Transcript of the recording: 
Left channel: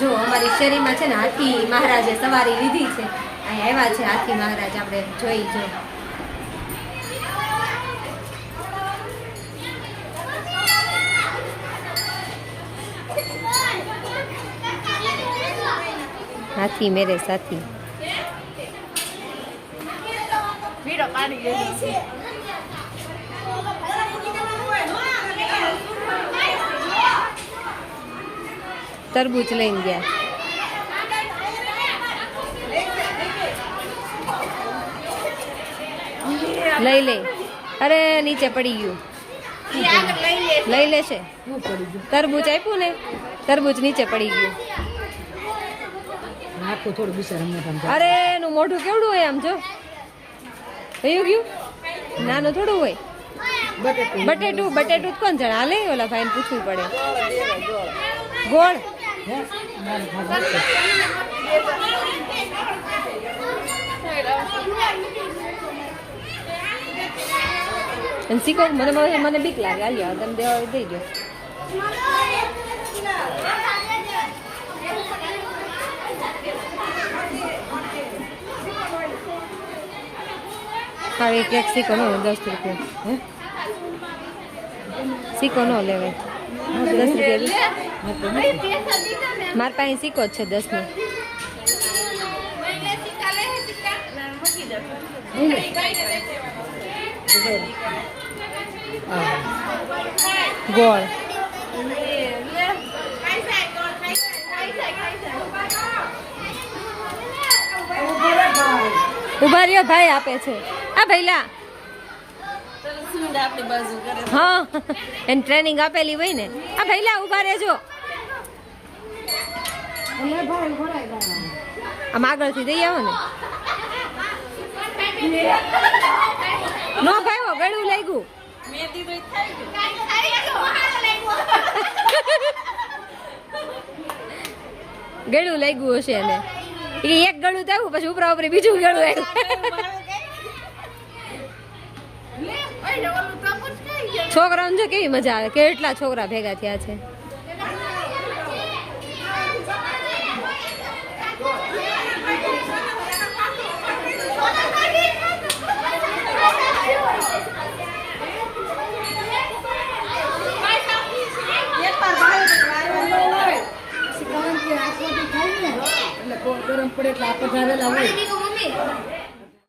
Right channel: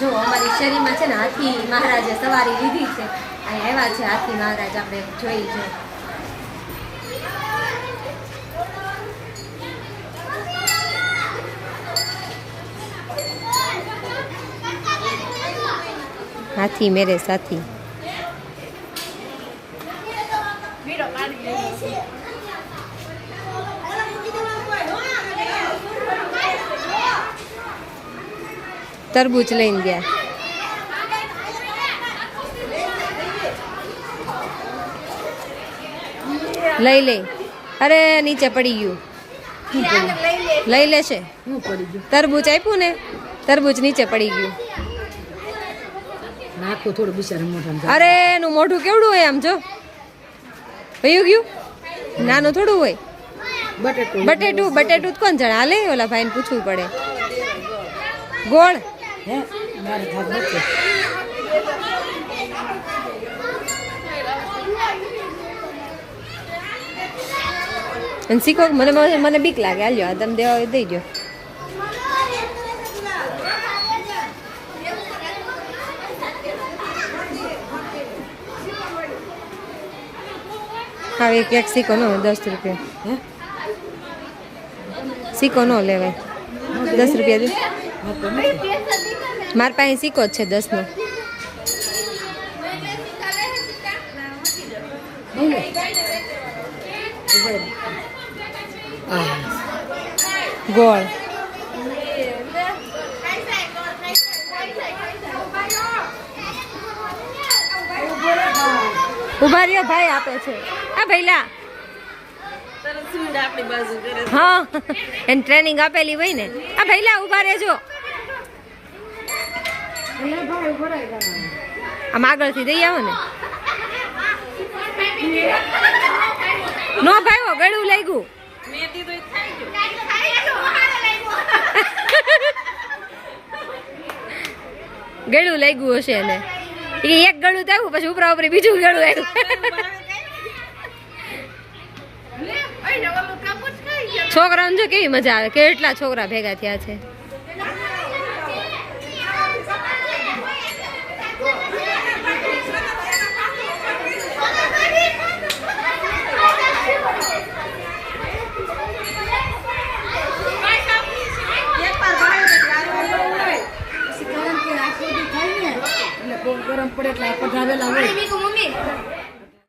જો અમારી શેરીમાં છે ને હાથી મહારાજે સવારી લીધી છે. અહીં આવ્યા છે હાથી મહારાજ, આપણે જોઈ છે. હાથી મેરે સાથી. તરબૂચ લઈને ગયા. લઈ લે. અરે નીચે પડી ગયું. લઈ લેશે. તરબૂચ આપ્યું ને, તરબૂચ નીચે પડી ગયું. અરે એનું મોઢું કેવડું હોય આમ જો. વયું ગયું. નાનું થોડું હોય. બટેટું બટેટું કોણ જાણે? હાલે ઓલા ભાઈને પૂછવું પડે. ગોળ અને શીખો. મને બીક લાગે. હાલ્યો તમે દેવા દઈ દો. હા એક એક સિક્કો નો 10 રૂપિયા. સિક્કો નો લેવાય. 10 રૂપિયા. મારા પાસે સિક્કો જ છે 10 નો. ગોળ ઉભા રહ્યો ભાઈ આપે છે. આ ભઈલા હા એને ટ્રેનિંગ આપેલી હોય ને. આ ભઈલા ઉભા રહેજો. આમ આગળથી દઈ આવો ને. નો ભાઈ ગળું લાગ્યું. ગળું લાગ્યું હશે એને. એક ગળું થયું પછી ઉપરા ઉપરી બીજું ગળું આવ્યું. છોકરાઓને જો કેવી મજા આવે. કેટલા છોકરા ભેગા થયા છે. ગરમ પડે એટલે આપણે ગાવેલા હોય.